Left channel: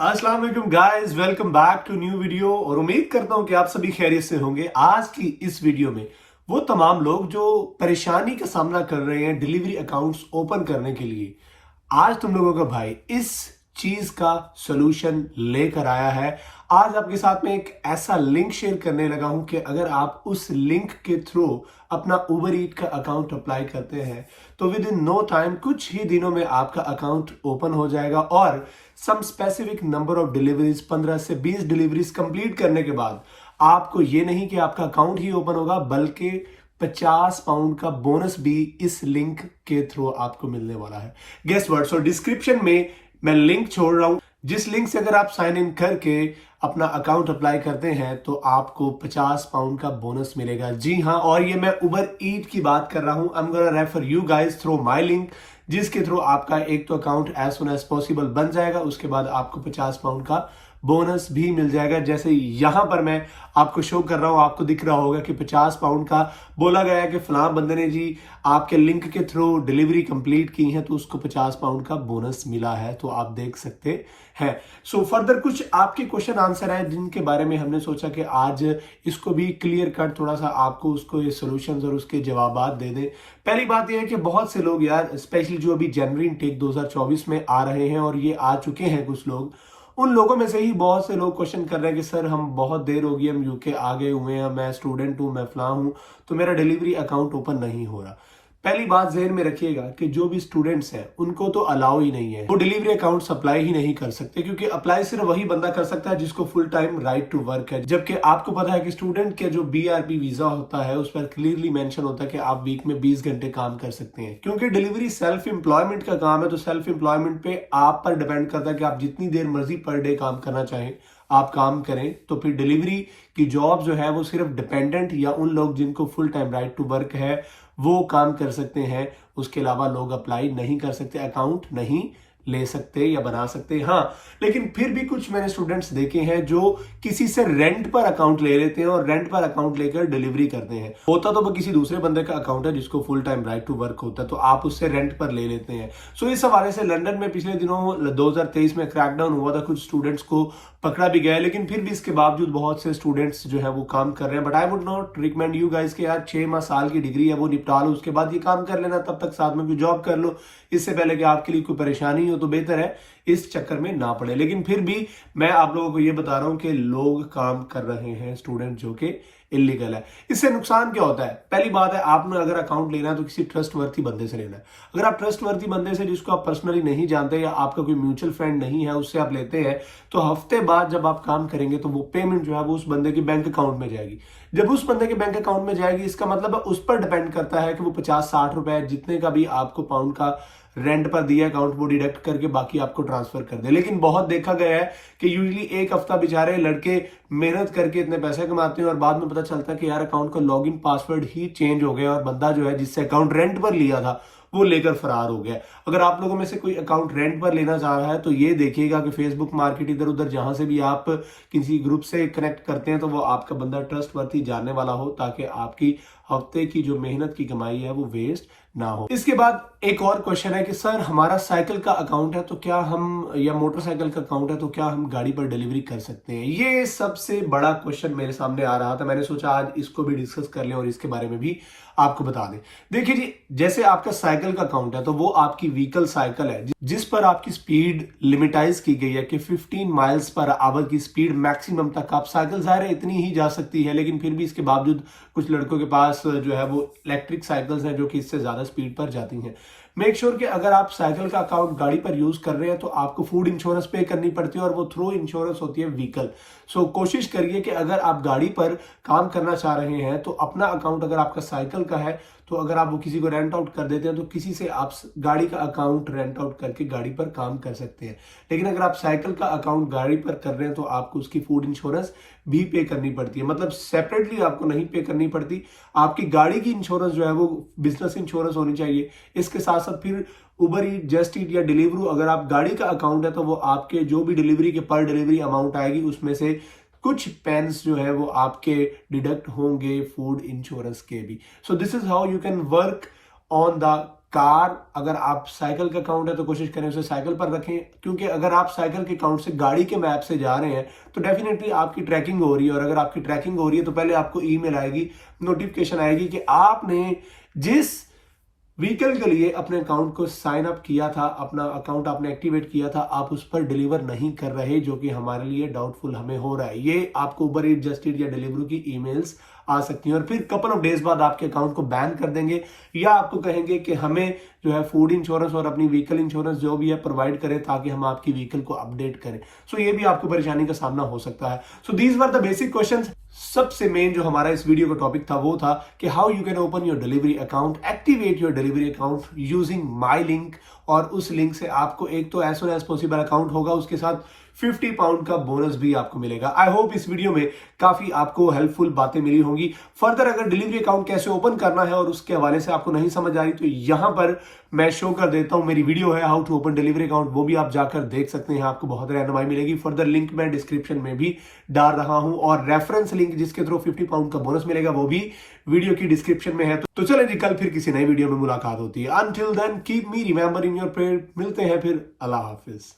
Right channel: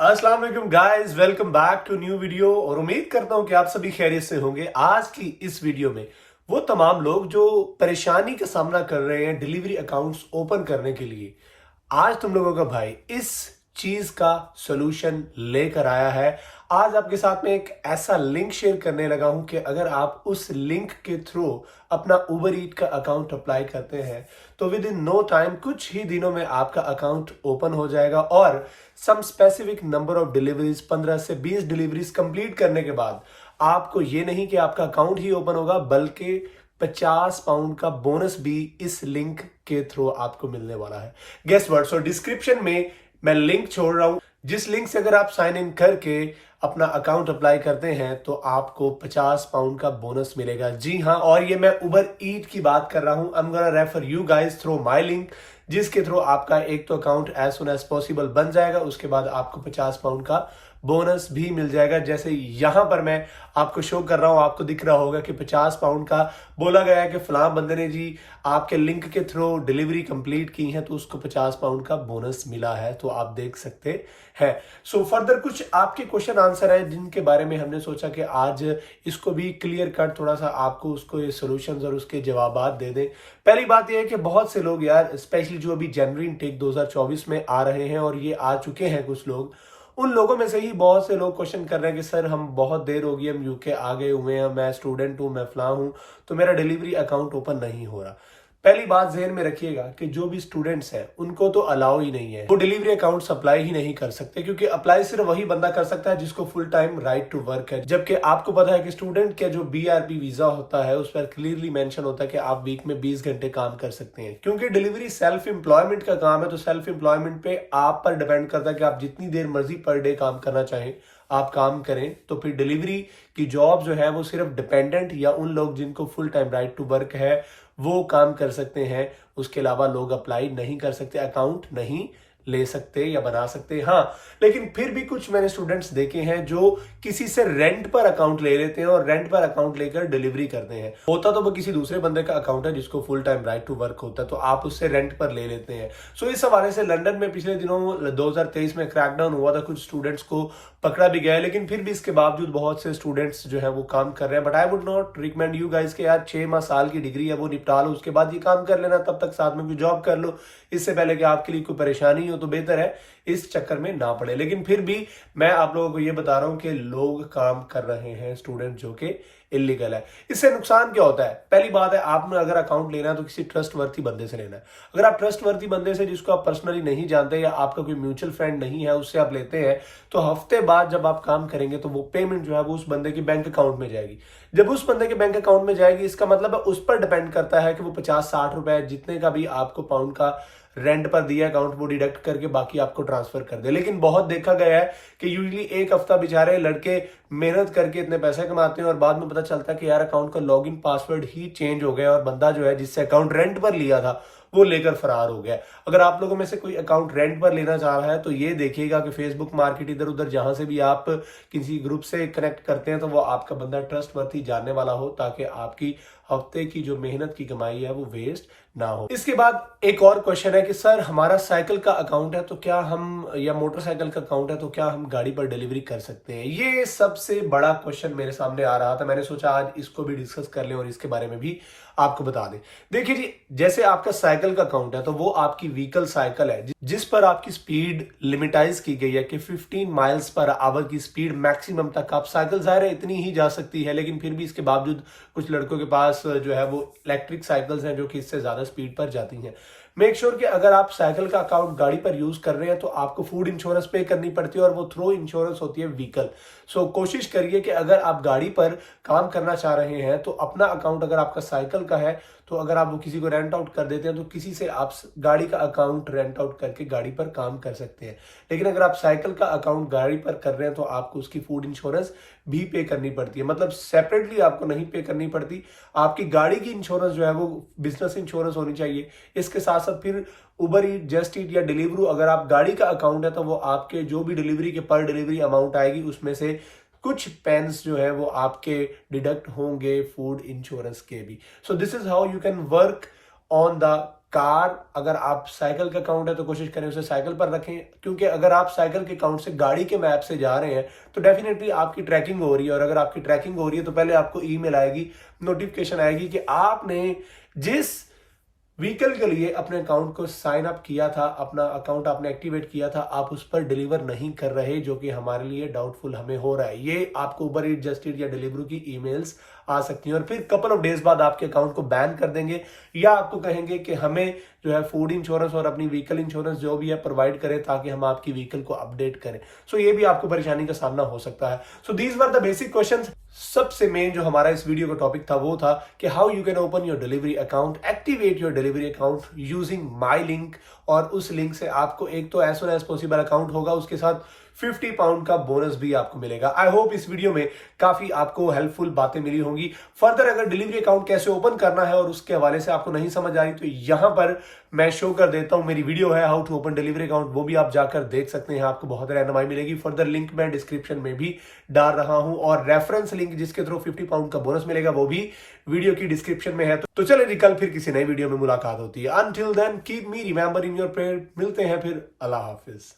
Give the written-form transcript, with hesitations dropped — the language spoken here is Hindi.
अस्सलाम वालेकुम guys, welcome back to new video. और उम्मीद करता हूं कि आप सभी खैरियत से होंगे। आज की इस वीडियो में वो तमाम लोग जो परेशानी का सामना कर रहे हैं डिलीवरी अकाउंट्स ओपन करने के लिए, आज तुम लोगों का भाई इस चीज का सॉल्यूशन लेकर आया है। आज आपके साथ में एक ऐसा लिंक शेयर करने लगा हूं कि अगर आप उस लिंक के थ्रू अपना उबर ईट का अकाउंट अप्लाई करते हैं तो विद इन नो टाइम, कुछ ही दिनों में आपका अकाउंट ओपन हो जाएगा। और some specific number of deliveries, 15 से 20 डिलीवरीज कंप्लीट करने के बाद आपको ये नहीं कि आपका अकाउंट ही ओपन होगा, बल्कि 50 पाउंड का बोनस भी इस लिंक के थ्रू आपको मिलने वाला है। Guess what? सो डिस्क्रिप्शन में मैं लिंक छोड़ रहा हूं, जिस लिंक से अगर आप साइन इन करके अपना अकाउंट अप्लाई करते हैं तो आपको 50 पाउंड का बोनस मिलेगा। जी हाँ, और ये मैं उबर ईट की बात कर रहा हूं। I am gonna refer you guys through my link, जिसके थ्रू आपका एक तो account as soon as possible बन जाएगा, उसके बाद आपको 50 पाउंड का बोनस भी मिल जाएगा। जैसे यहां पर मैं आपको शो कर रहा हूं, आपको दिख रहा होगा कि 50 पाउंड का बोला गया है कि फलां बंदे ने जी आपके लिंक के थ्रू डिलीवरी कंप्लीट की है तो उसको 50 पाउंड का बोनस मिला है, तो आप देख सकते हैं। सो फर्दर कुछ आपके क्वेश्चन आंसर है जिनके बारे में हमने सोचा कि आज इसको भी क्लियर कट थोड़ा सा आपको उसको ये सोल्यूशंस और उसके जवाब दे दें। पहली बात यह है कि बहुत से लोग यार, स्पेशली जो अभी जनवरी इनटेक 2024 में आ रहे हैं और ये आ चुके हैं कुछ लोग, उन लोगों में से ही बहुत से लोग क्वेश्चन कर रहे हैं कि सर हम बहुत देर हो गई, हम यूके आ गए हुए हैं, मैं स्टूडेंट हूं, मैं फलां हूं, तो मेरा डिलीवरी अकाउंट ओपन नहीं हो रहा। पहली बात ज़हन में रखिएगा कि जो भी स्टूडेंट्स हैं उनको तो अलाउ ही नहीं है, वो डिलीवरी अकाउंट अप्लाई ही नहीं कर सकते, क्योंकि अप्लाई सिर्फ वही बंदा कर सकता है जिसको full time right to work है। जबकि आपको पता है कि स्टूडेंट के जो बीआरपी वीजा होता है उस पर क्लियरली मेंशन होता है कि आप वीक में 20 घंटे काम कर सकते हैं। क्योंकि डिलीवरी सेल्फ एम्प्लॉयमेंट का काम है, तो सेल्फ एम्प्लॉयमेंट पे आप पर डिपेंड करता है कि आप जितनी देर मर्जी पर डे काम करना चाहें आप काम करें। तो फिर डिलीवरी की जॉब जो है वो सिर्फ डिपेंडेंट या उन लोग जिनको full time right to work है वो काम कर सकते हैं, उसके अलावा लोग अप्लाई नहीं कर सकते, अकाउंट नहीं ले सकते या बना सकते। हाँ, लेकिन फिर भी कुछ मैंने स्टूडेंट्स देखे हैं जो किसी से रेंट पर अकाउंट ले लेते हैं और रेंट पर अकाउंट लेकर डिलीवरी करते हैं। होता तो वो किसी दूसरे बंदे का अकाउंट है जिसको full time right to work होता है, तो आप उससे रेंट पर ले लेते हैं। सो इस हवाले से लंदन में पिछले दिनों 2023 में क्रैकडाउन हुआ था, कुछ स्टूडेंट्स को पकड़ा भी गया, लेकिन फिर भी इसके बावजूद बहुत से स्टूडेंट्स जो है वो काम कर रहे हैं। But I would not recommend you guys के यार 6 साल की डिग्री है वो निपटा लो, उसके बाद ये काम कर लेना, तब तक साथ में कोई जॉब कर लो, इससे पहले कि आपके लिए कोई परेशानी हो, तो बेहतर है इस चक्कर में ना पड़े। लेकिन फिर भी मैं आप लोगों को ये बता रहा हूं कि लोग काम कर रहे हैं, स्टूडेंट, जो कि इलीगल है। इससे नुकसान क्या होता है? पहली बात है, आपने अगर अकाउंट लेना है तो किसी ट्रस्टवर्थी बंदे से लेना है। अगर आप ट्रस्टवर्थी बंदे से जिसको आप पर्सनली नहीं जानते या आपका कोई म्यूचुअल फ्रेंड नहीं है उससे आप लेते हैं, तो हफ्ते बाद जब आप काम करेंगे तो वो पेमेंट जो है वो उस बंदे की बैंक अकाउंट में जाएगी। जब उस बंदे के बैंक अकाउंट में जाएगी, इसका मतलब है उस पर डिपेंड करता है कि वो 50-60 रुपए जितने का भी आपको पाउंड का रेंट पर दिया अकाउंट वो डिडक्ट करके बाकी आपको ट्रांसफर कर दे। लेकिन बहुत देखा गया है कि यूजुअली एक हफ्ता बेचारे लड़के मेहनत करके इतने पैसे कमाते हैं और बाद में पता चलता है कि यार अकाउंट का लॉगिन पासवर्ड ही चेंज हो गया और बंदा जो है जिससे अकाउंट रेंट पर लिया था वो लेकर फरार हो गया। अगर आप लोगों में से कोई अकाउंट रेंट पर लेना चाह रहा है तो ये देखिएगा कि फेसबुक मार्केट इधर उधर जहां से भी आप किसी ग्रुप से कनेक्ट करते हैं तो वो आपका बंदा ट्रस्टवर्थी जानने वाला हो, ताकि आपकी हफ्ते की जो मेहनत की कमाई है वो वेस्ट ना हो। इसके बाद एक और क्वेश्चन है कि सर हमारा साइकिल का अकाउंट है तो क्या हम, या मोटरसाइकिल का अकाउंट है तो क्या हम गाड़ी पर डिलीवरी कर सकते हैं? ये सबसे बड़ा क्वेश्चन मेरे सामने आ रहा था, मैंने सोचा आज इसको भी डिस्कस कर लें और इसके बारे में भी आपको बता दें। देखिए जी, जैसे आपका साइकिल का अकाउंट है तो वो आपकी व्हीकल साइकिल है जिस पर आपकी स्पीड लिमिटाइज की गई है कि 15 माइल्स पर आवर की स्पीड मैक्सिमम तक आप साइकिल, जाहिर है इतनी ही जा सकती है, लेकिन फिर भी इसके बावजूद कुछ लड़कों के पास जो है वो इलेक्ट्रिक साइकिल्स हैं जो कि इससे ज्यादा स्पीड पर जाती हैं। मेक श्योर कि अगर आप साइकिल का अकाउंट गाड़ी पर यूज कर रहे हैं तो आपको फूड इंश्योरेंस पे करनी पड़ती है और वो थ्रो इंश्योरेंस होती है व्हीकल। सो कोशिश करिए कि अगर आप गाड़ी पर काम करना चाह रहे हैं तो अपना अकाउंट, अगर आपका साइकिल का है तो अगर आप वो किसी को रेंट आउट कर देते हैं तो किसी से आप गाड़ी का अकाउंट रेंट आउट करके गाड़ी पर काम कर सकते हैं। लेकिन अगर आप साइकिल का अकाउंट गाड़ी पर कर रहे हैं तो आपको उसकी फूड इंश्योरेंस भी पे करनी पड़ती है, मतलब सेपरेटली आपको नहीं पे करनी पड़ती। आपकी गाड़ी की इंश्योरेंस जो है वो बिजनेस इंश्योरेंस होनी चाहिए। इसके साथ साथ फिर उबर ईट, जस्ट ईट या डिलीवरू, अगर आप गाड़ी का अकाउंट है तो वो आपके जो भी डिलीवरी के पर डिलीवरी अमाउंट आएगी उसमें से कुछ पेन्स जो है वो आपके डिडक्ट होंगे फूड इंश्योरेंस के भी। So this is how you can work on the car, अगर आप साइकिल का अकाउंट है तो कोशिश करें उसे साइकिल पर रखें, क्योंकि अगर आप साइकिल के अकाउंट से गाड़ी के मैप से जा रहे हैं तो डेफिनेटली आपकी ट्रैकिंग हो रही है, और अगर आपकी ट्रैकिंग हो रही है तो पहले आपको ईमेल आएगी, नोटिफिकेशन आएगी कि आपने जिस व्हीकल के लिए अपने अकाउंट को साइन अप किया था, अपना अकाउंट आपने एक्टिवेट किया था, आप उस पर डिलीवर नहीं कर रहे, जो कि हमारे लिए डाउटफुल हमें हो रहा है। ये आपको उबर ईट, जस्ट ईट या डिलीवरी की ईमेल्स आ सकती हैं, और फिर कपल ऑफ डेज बाद आपके अकाउंट को बैन कर देंगे, या आपको कहेंगे कि हमें जो है फूड इंश्योरेंस और अपनी व्हीकल इंश्योरेंस जो भी है प्रोवाइड करें, ताकि हम आपकी व्हीकल को अपडेट करें। सो ये भी आपको परेशानी का सामना हो सकता है। So these were the basic questions. सबसे मेन जो हमारा इस वीडियो का टॉपिक था वो था कि how you can open your delivery account, activate your delivery account using my link, और उस लिंक से आपको एक तो as soon as possible account होगा, उसके साथ 50 पाउंड का बोनस भी आपको मिलेगा। आई होप इस वीडियो में काफी आपको हेल्पफुल बातें मिली होंगी। फर्दर अगर डिलीवरी अकाउंट कैसे ओपन करना है और उसके हवाले से आपको नहीं समझ आ रही, तो यहां पर मैं शो कर देता हूं, मेरी वीडियो है how to open delivery account, वो भी आप जाकर देख सकते हैं, आपको बहुत रहनुमाई मिलेगी। फर्दर लिंक मैं डिस्क्रिप्शन में भी डाल रहा हूं, और रेफरेंस लिंक जिसके थ्रू 50 पाउंड का बोनस मिलेगा वो भी वीडियो की डिस्क्रिप्शन में है। तो चले जी, कल फिर किसी नई वीडियो में मुलाकात होती है। Until then keep me remember in your prayer. मिलते हैं फिर, अल्लाह हाफिज।